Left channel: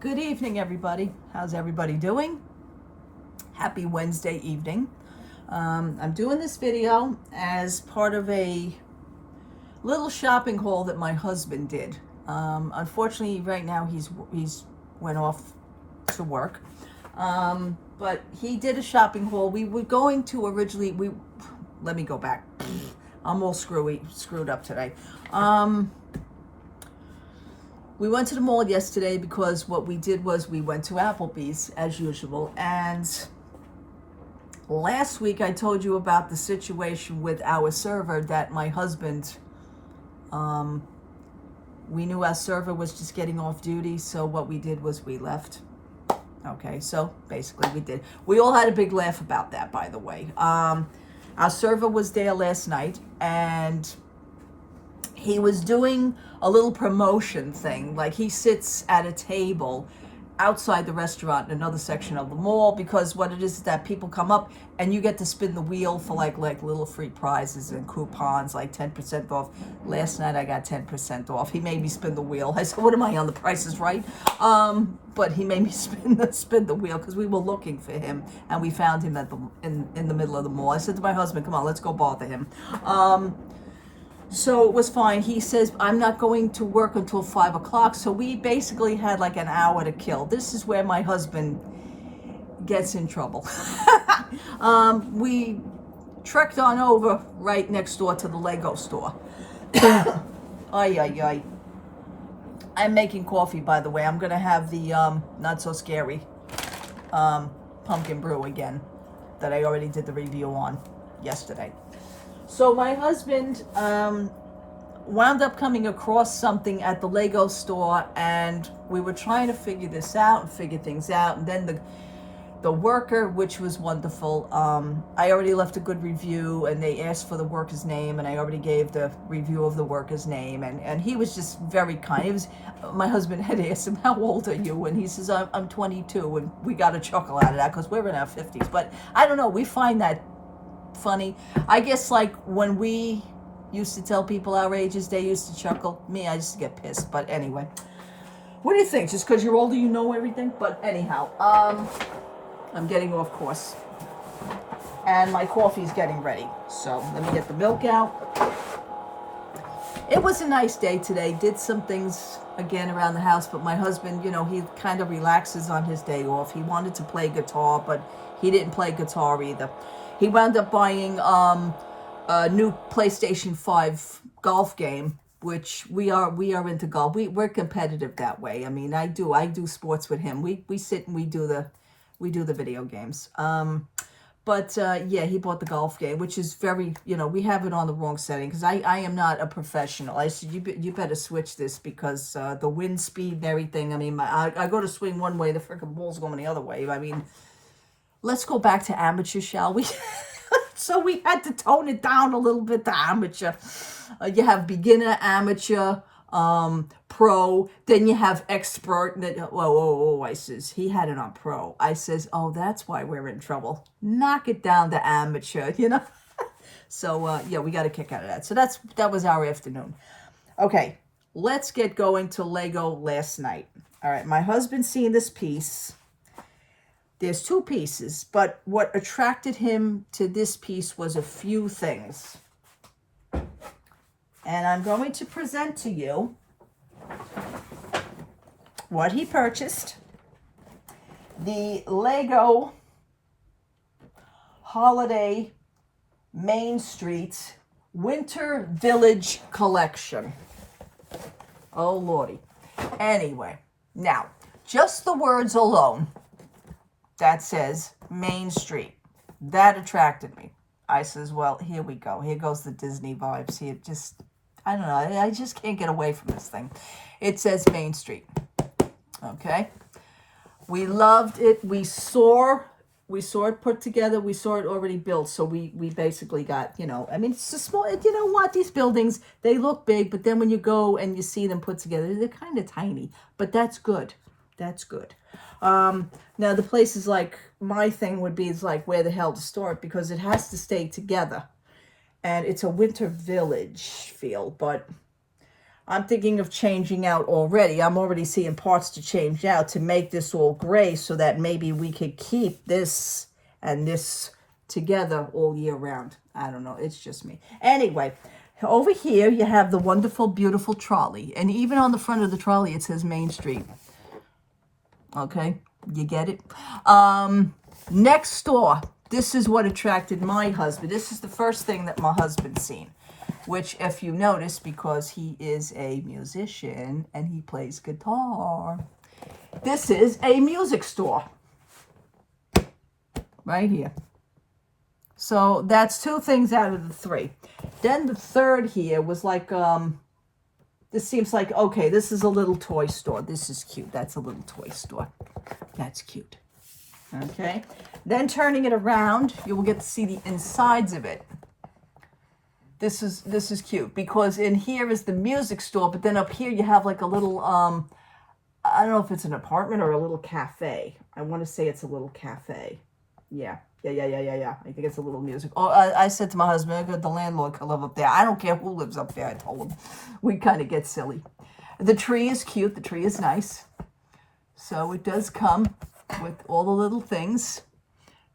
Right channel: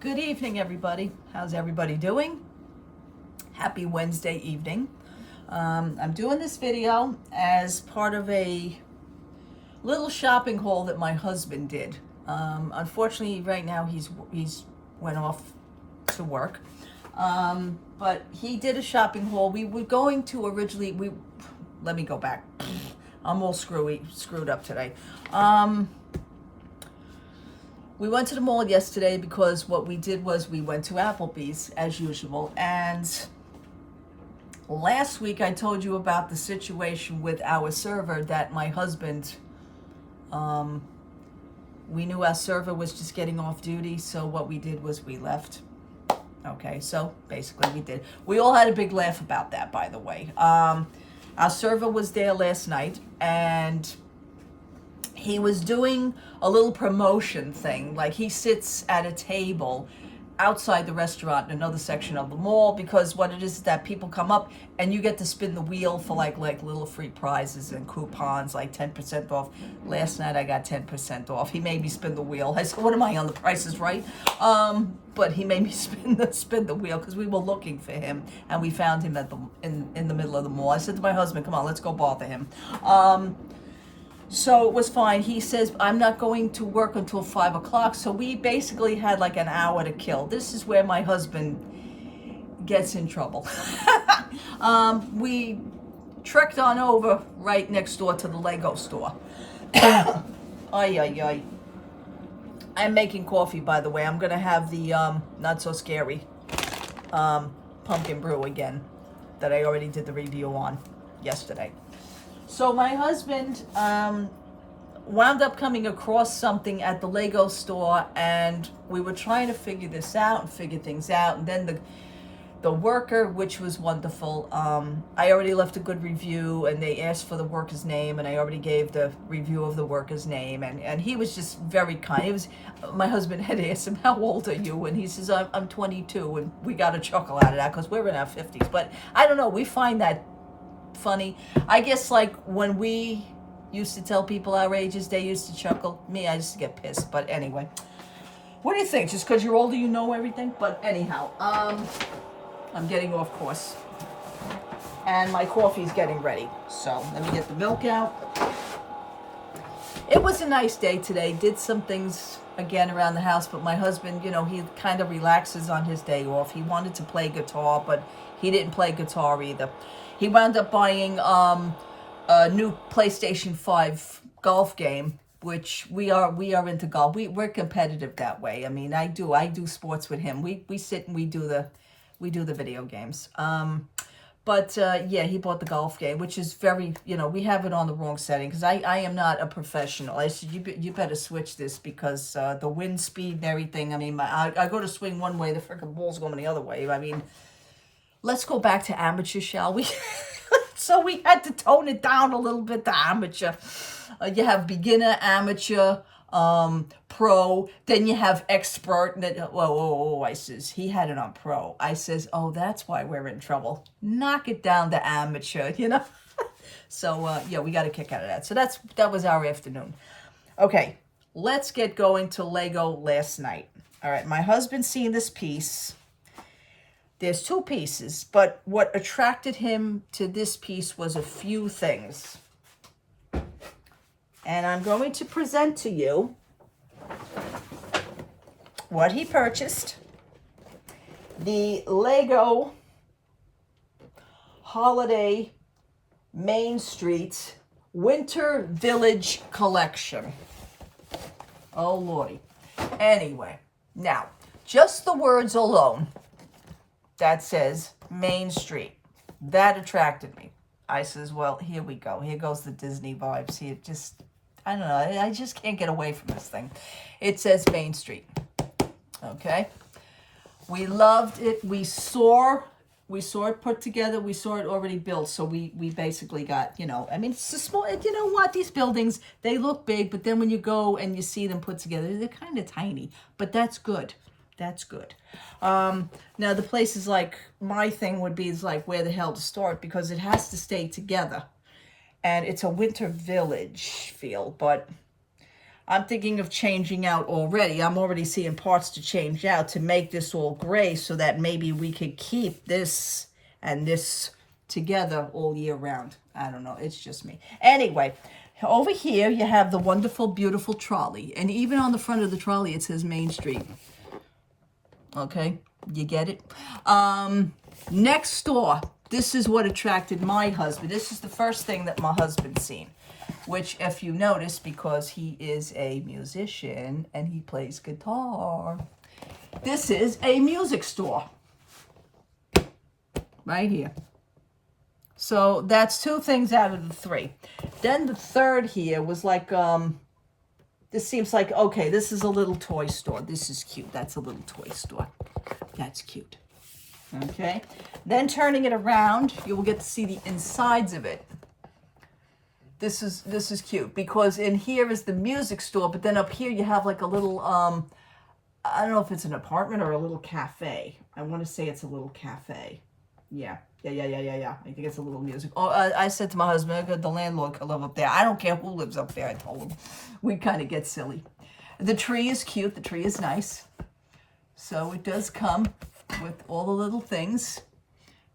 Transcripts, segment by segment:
Good evening, everybody. How's everybody doing? Happy Wednesday evening. I'm doing this video as part of a little shopping haul that my husband did. Unfortunately, right now he's went off to work. But he did a shopping haul. We were going to originally. Let me go back. I'm all screwed up today. We went to the mall yesterday because what we did was we went to Applebee's as usual. And last week I told you about the situation with our server that my husband, we knew our server was just getting off duty. So what we did was we left. Okay, so basically we did. We all had a big laugh about that, by the way. Our server was there last night and he was doing a little promotion thing. Like he sits at a table outside the restaurant in another section of the mall, because what it is that people come up and you get to spin the wheel for like little free prizes and coupons, like 10% off. Last night I got 10% off. He made me spin the wheel. I said, what am I on, the Price is Right? But he made me spin the wheel because we were looking for him and we found him at in the middle of the mall. I said to my husband, come on, let's go bother him. So it was fine. He says, I'm not going to work until 5 o'clock. So we basically had like an hour to kill. This is where my husband gets in trouble. We trekked on over right next door to the Lego store. Ay, ay, ay. I'm making coffee, by the way. I'm going to have the not so scary pumpkin brew again that I already did the review on yesterday. So my husband wound up coming across something at the Lego store, and we were trying to figure things out. And then the worker, which was wonderful, I already left a good review, and they asked for the worker's name, and I already gave the review of the worker's name, and he was just very kind. My husband had asked him, how old are you? And he says, I'm 22, and we got a chuckle out of that because we're in our 50s. But I don't know, we find that funny. I guess like when we used to tell people our ages, they used to chuckle. Me, I just get pissed. But anyway, what do you think? Just because you're older, you know everything? But anyhow, I'm getting off course. And my coffee's getting ready. So let me get the milk out. It was a nice day today. Did some things again around the house, but my husband, you know, he kind of relaxes on his day off. He wanted to play guitar, but he didn't play guitar either. He wound up buying a new PlayStation 5 golf game, which we are into golf. We're competitive that way. I mean, I do sports with him. We sit and we do the video games. Yeah, he bought the golf game, which is very, you know, we have it on the wrong setting because I am not a professional. I said, you better switch this because the wind speed and everything. I mean, I go to swing one way, the freaking ball's going the other way. I mean, let's go back to amateur, shall we? So we had to tone it down a little bit to amateur. You have beginner, amateur, pro, then you have expert. And then, whoa, I says, he had it on pro. I says, oh, that's why we're in trouble. Knock it down to amateur, you know? So, yeah, we got a kick out of that. So that was our afternoon. Okay, let's get going to Lego last night. All right, my husband seen this piece. There's two pieces, but what attracted him to this piece was a few things. And I'm going to present to you what he purchased. The Lego Holiday Main Street Winter Village Collection. Oh, Lordy. Anyway, now, just the words alone that says Main Street, that attracted me. I says, well, here we go. Here goes the Disney vibes. Here, I don't know. I just can't get away from this thing. It says Main Street. Okay. We loved it. We saw it put together. We saw it already built. So we basically got, you know, I mean, it's a small, you know what? These buildings, they look big, but then when you go and you see them put together, they're kind of tiny, but that's good. That's good. Now the place is like, my thing would be is like where the hell to start because it has to stay together. And it's a winter village feel, but I'm thinking of changing out already. I'm already seeing parts to change out to make this all gray so that maybe we could keep this and this together all year round. I don't know. It's just me. Anyway, over here you have the wonderful, beautiful trolley. And even on the front of the trolley, it says Main Street. Okay, you get it? Next door, this is what attracted my husband. This is the first thing that my husband's seen. Which, if you notice, because he is a musician and he plays guitar, this is a music store. Right here. So that's 2 things out of the 3. Then the third here was like, this seems like, okay, this is a little toy store. This is cute. That's a little toy store. That's cute. Okay. Then turning it around, you will get to see the insides of it. This is cute because in here is the music store, but then up here you have like a little, I don't know if it's an apartment or a little cafe. I want to say it's a little cafe. Yeah. I think it's a little music. Oh, I said to my husband, the landlord could live up there. I don't care who lives up there, I told him. We kind of get silly. The tree is cute. The tree is nice. So it does come with all the little things.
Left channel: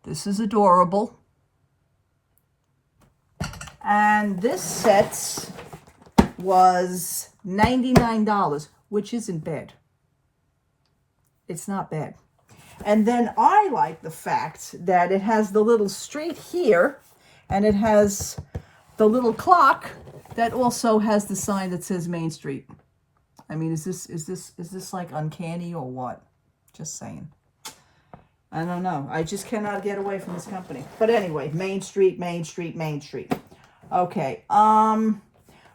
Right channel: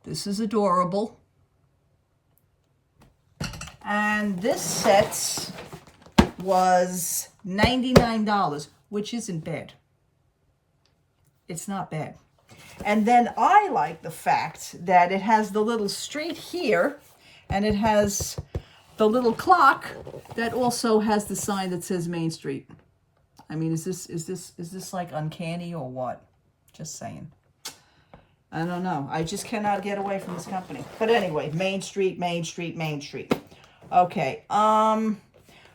This is adorable. And this set was $99, which isn't bad. It's not bad. And then I like the fact that it has the little street here, and it has the little clock that also has the sign that says Main Street. I mean, is this like uncanny or what? Just saying. I don't know. I just cannot get away from this company. But anyway, Main Street, Main Street, Main Street. Okay,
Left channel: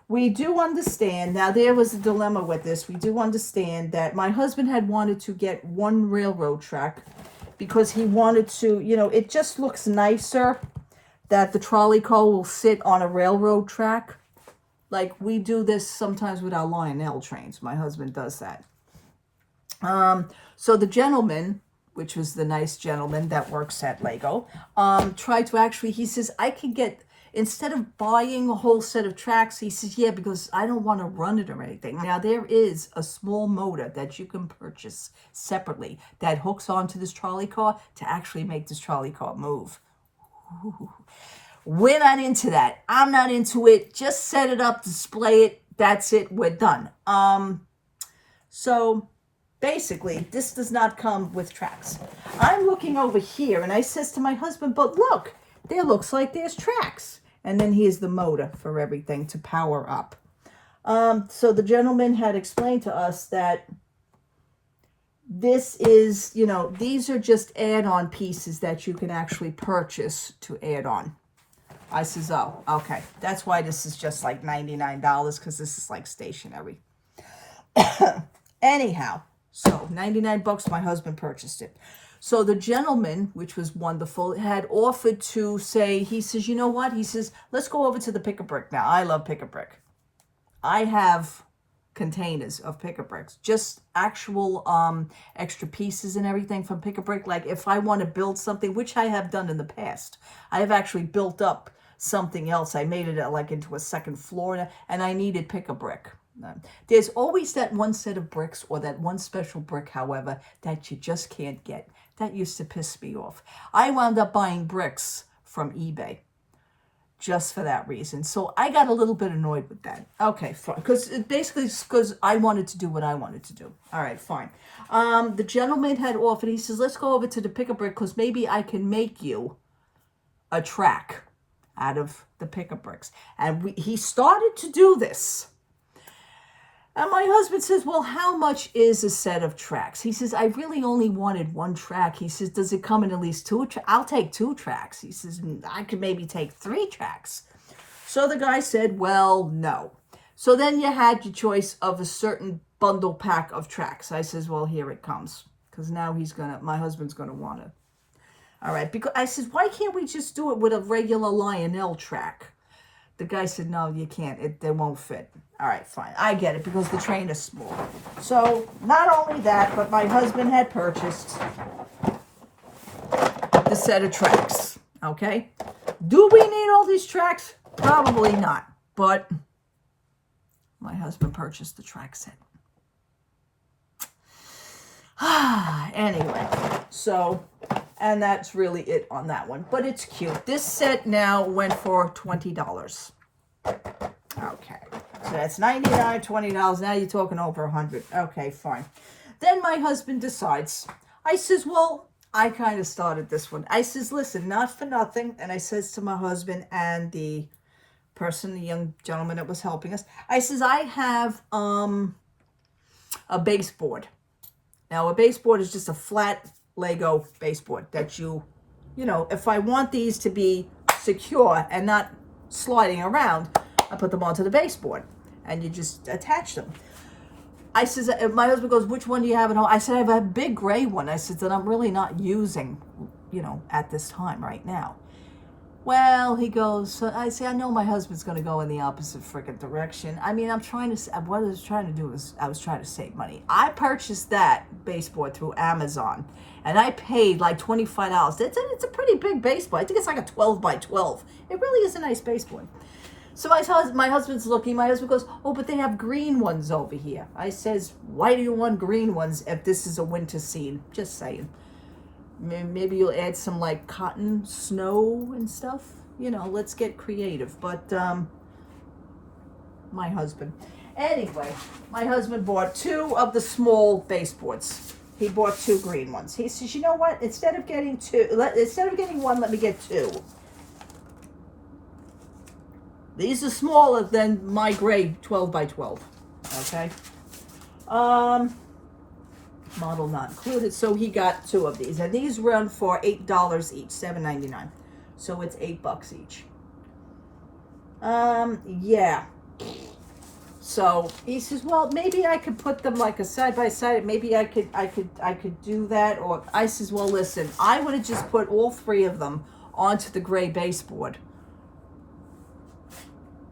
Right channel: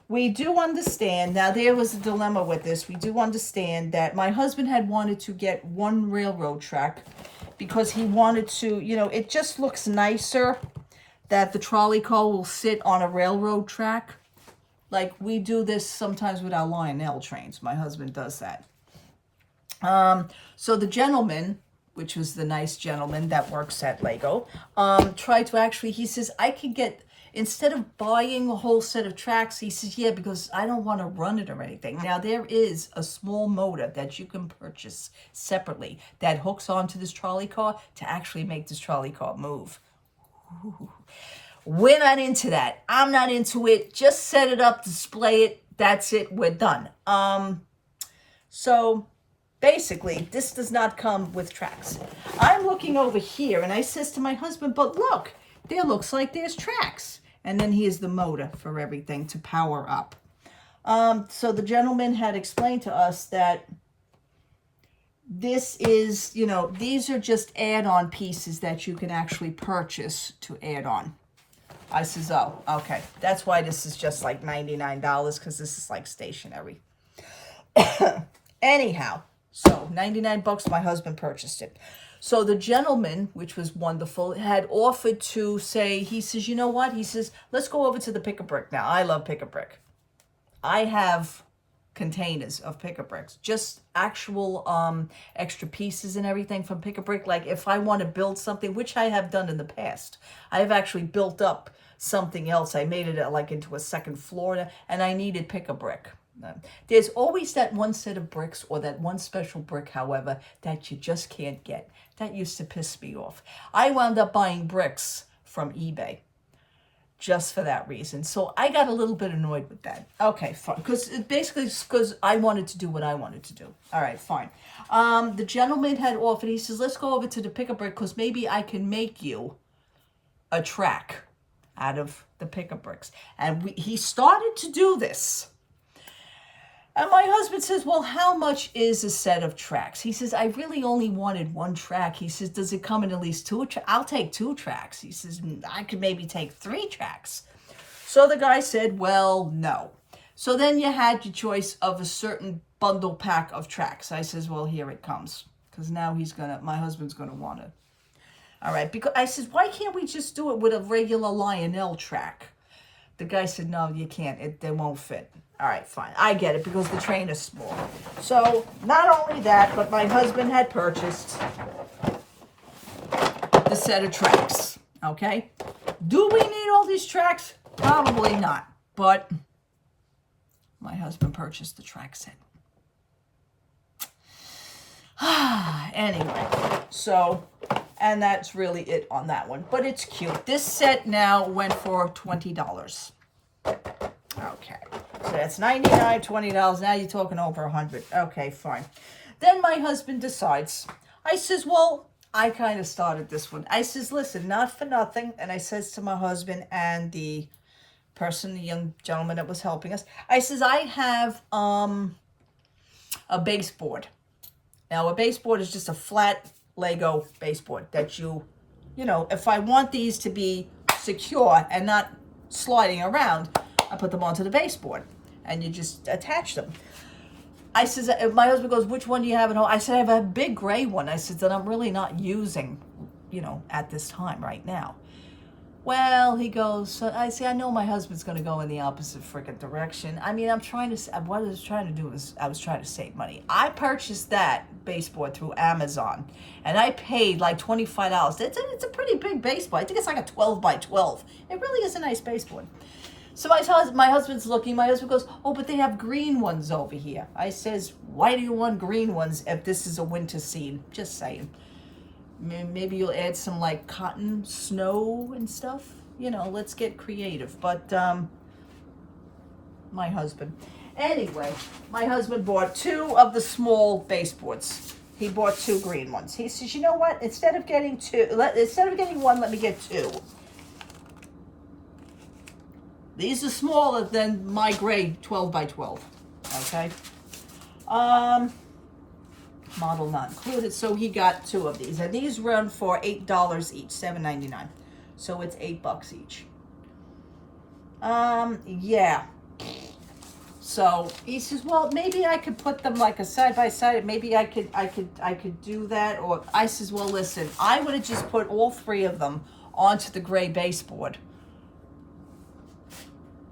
we do understand, now there was a dilemma with this, we do understand that my husband had wanted to get 1 railroad track because he wanted to, you know, it just looks nicer that the trolley car will sit on a railroad track. Like we do this sometimes with our Lionel trains, my husband does that. So the gentleman, which was the nice gentleman that works at Lego, tried to actually, he says, I could get, instead of buying a whole set of tracks, he says, yeah, because I don't want to run it or anything. Now, there is a small motor that you can purchase separately that hooks onto this trolley car to actually make this trolley car move. Ooh. We're not into that. I'm not into it. Just set it up, display it. That's it. We're done. So basically, this does not come with tracks. I'm looking over here, and I says to my husband, but look, there looks like there's tracks. And then here's the motor for everything to power up. So the gentleman had explained to us that this is, you know, these are just add-on pieces that you can actually purchase to add on. I says, oh, okay. That's why this is just like $99 because this is like stationary. Anyhow, so 99 bucks, my husband purchased it. So the gentleman, which was wonderful, had offered to say, he says, you know what? He says, let's go over to the Pick-a-Brick now. I love Pick-a-Brick. I have containers of Pick-a-Bricks, just actual extra pieces and everything from Pick-a-Brick. Like if I want to build something, which I have done in the past, I have actually built up something else. I made it like into a second floor and I needed Pick-a-Brick. There's always that one set of bricks or that one special brick, however, that you just can't get. That used to piss me off. I wound up buying bricks from eBay just for that reason. So I got a little bit annoyed with that. Okay, fine. Because I wanted to do what I wanted to do. All right, fine. The gentleman had offered, he says, let's go over to the Pick-a-Brick because maybe I can make you a track out of the Pick-a-Bricks. And he started to do this. And my husband says, well, how much is a set of tracks? He says, I really only wanted 1 track. He says, does it come in at least 2? I'll take 2 tracks. He says, I could maybe take 3 tracks. So the guy said, well, no. So then you had your choice of a certain bundle pack of tracks. I says, well, here it comes. Because now my husband's going to want it. All right. Because I said, why can't we just do it with a regular Lionel track? The guy said, no, you can't. They won't fit. All right, fine. I get it because the train is small. So not only that, but my husband had purchased the set of tracks. Okay. Do we need all these tracks? Probably not. But My husband purchased the track set. Anyway, so, and that's really it on that one. But it's cute. This set now went for $20. Okay. So that's $99, $20. Now you're talking over $100. Okay, fine. Then my husband decides. I says, well, I kind of started this one. I says, listen, not for nothing. And I says to my husband and the person, the young gentleman that was helping us, I says, I have a baseboard. Now, a baseboard is just a flat Lego baseboard that you know, if I want these to be secure and not sliding around, I put them onto the baseboard and you just attach them. I says, my husband goes, which one do you have at home? I said, I have a big gray one. I said, that I'm really not using, you know, at this time right now. Well, he goes, I say, I know my husband's going to go in the opposite freaking direction. I mean, what I was trying to do is I was trying to save money. I purchased that baseboard through Amazon, and I paid like $25. It's a pretty big baseboard. I think it's like a 12 by 12. It really is a nice baseboard. So my husband's looking. My husband goes, oh, but they have green ones over here. I says, why do you want green ones if this is a winter scene? Just saying. Maybe you'll add some like cotton snow and stuff. You know, let's get creative. But my husband. Anyway, my husband bought 2 of the small baseboards. He bought 2 green ones. He says, you know what? Instead of getting 1, let me get 2. These are smaller than my gray 12 by 12. Okay. Model not included. So he got 2 of these, and these run for $8 each, $7.99. So it's $8 each. Yeah. So he says, well, maybe I could put them like a side by side. Maybe I could do that. Or I says, well, listen, I would have just put all 3 of them onto the gray baseboard.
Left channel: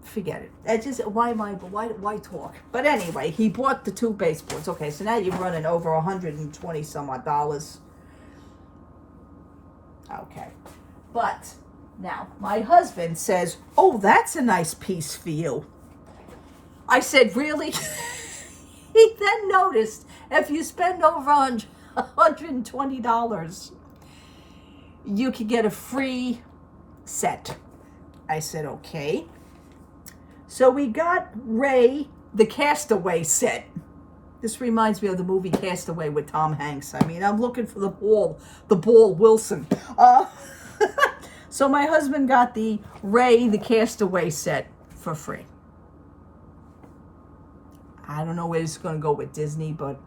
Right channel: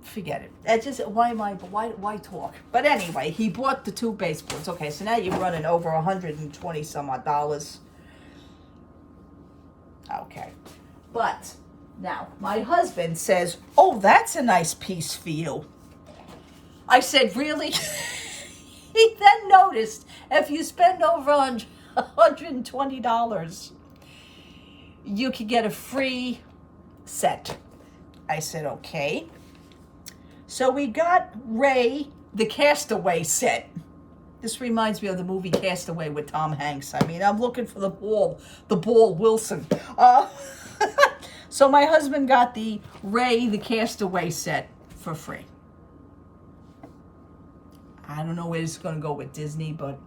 Forget it. It just why talk? But anyway, he bought the 2 baseboards. Okay, so now you're running over $120 some odd dollars. Okay, but now my husband says, "Oh, that's a nice piece for you." I said, "Really?" He then noticed if you spend over $120, you could get a free set. I said, "Okay." So we got Ray the Castaway set. This reminds me of the movie Castaway with Tom Hanks. I mean, I'm looking for the ball Wilson. So my husband got the Ray the Castaway set for free. I don't know where it's going to go with Disney, but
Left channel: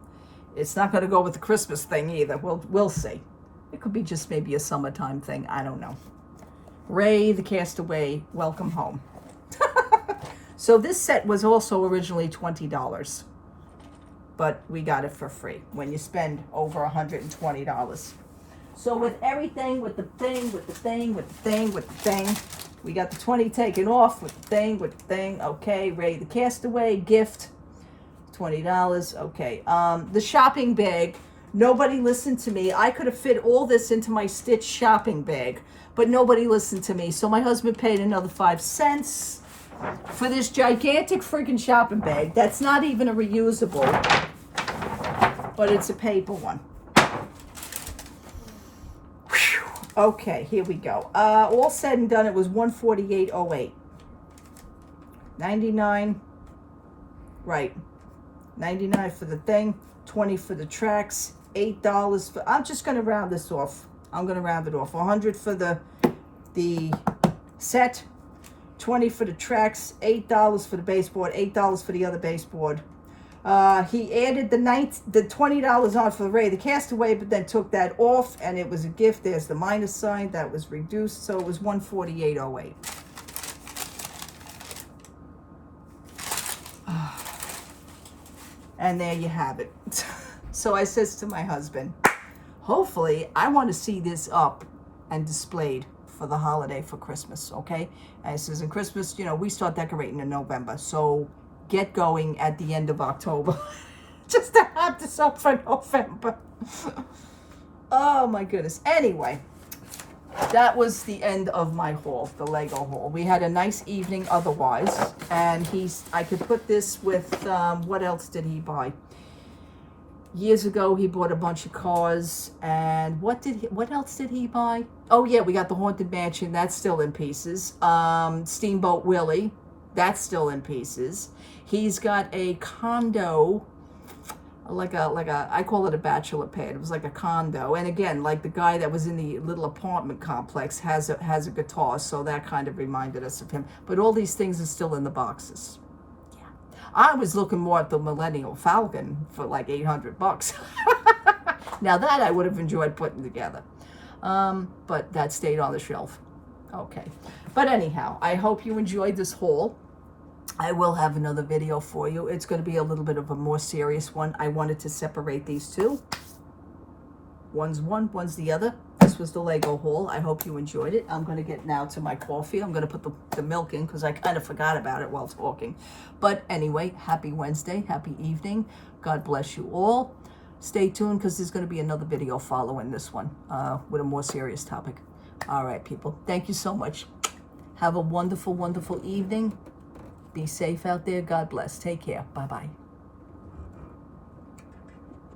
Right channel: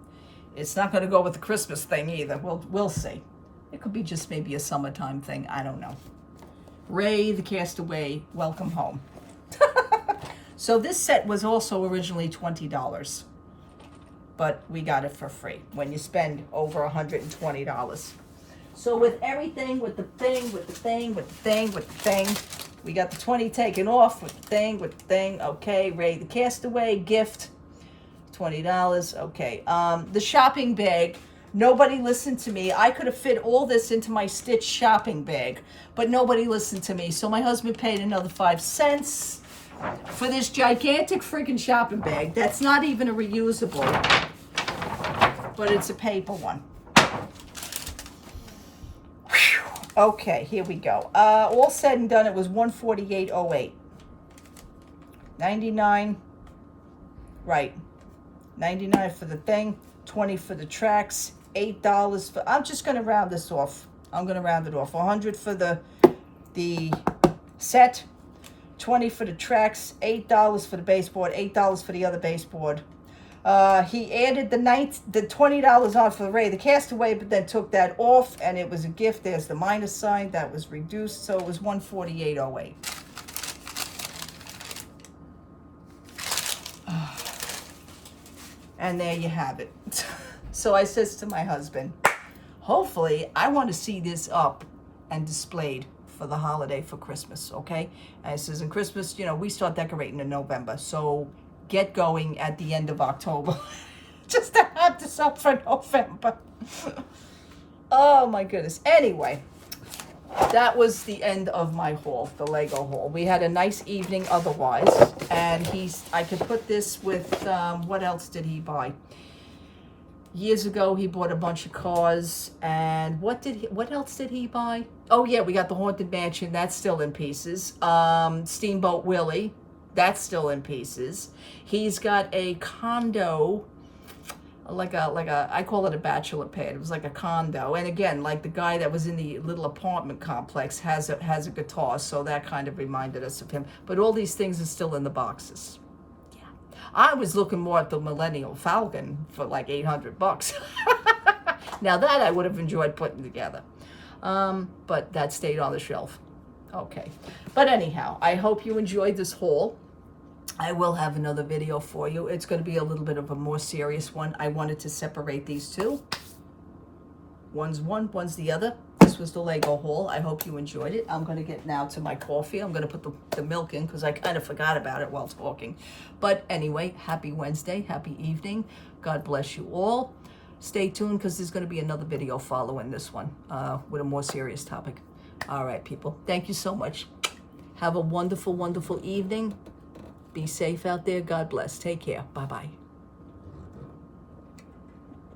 it's not going to go with the Christmas thing either. We'll see. It could be just maybe a summertime thing. I don't know. Ray the Castaway, welcome home. So this set was also originally $20, but we got it for free when you spend over $120. So with everything, with the thing, we got the 20 taken off with the thing. Okay, Ray the Castaway gift, $20. Okay, the shopping bag. Nobody listened to me. I could have fit all this into my Stitch shopping bag, but nobody listened to me. So my husband paid another 5 cents. For this gigantic freaking shopping bag that's not even a reusable, but it's a paper one. Whew. Okay, here we go. All said and done, it was $148.08. 99, right? 99 for the thing, 20 for the tracks, $8 for. I'm just going to round this off. I'm going to round it off. 100 for the set. 20 for the tracks, $8 for the baseboard, $8 for the other baseboard. He added the $20 on for Ray the Castaway, but then took that off, and it was a gift. There's the minus sign that was reduced, so it was $148.08. And there you have it. So I says to my husband, hopefully I want to see this up and displayed for the holiday for Christmas, okay? And it says in Christmas, you know, we start decorating in November, so get going at the end of October. Just to have this up for November. Oh my goodness. Anyway, that was the end of my haul, the Lego haul. We had a nice evening otherwise, and I could put this with, what else did he buy? Years ago, he bought a bunch of cars, and what else did he buy? Oh yeah, we got the Haunted Mansion, that's still in pieces. Steamboat Willie, that's still in pieces. He's got a condo, like a I call it a bachelor pad. It was like a condo, and again, like the guy that was in the little apartment complex has a guitar, so that kind of reminded us of him. But all these things are still in the boxes. I was looking more at the Millennium Falcon for like $800. Now that I would have enjoyed putting together. But that stayed on the shelf. Okay. But anyhow, I hope you enjoyed this haul. I will have another video for you. It's going to be a little bit of a more serious one. I wanted to separate these two. One's one, one's the other. This was the Lego haul. I hope you enjoyed it. I'm going to get now to my coffee. I'm going to put the milk in because I kind of forgot about it while talking. But anyway, happy Wednesday. Happy evening. God bless you all. Stay tuned because there's going to be another video following this one with a more serious topic. All right, people. Thank you so much. Have a wonderful, wonderful evening. Be safe out there. God bless. Take care. Bye-bye.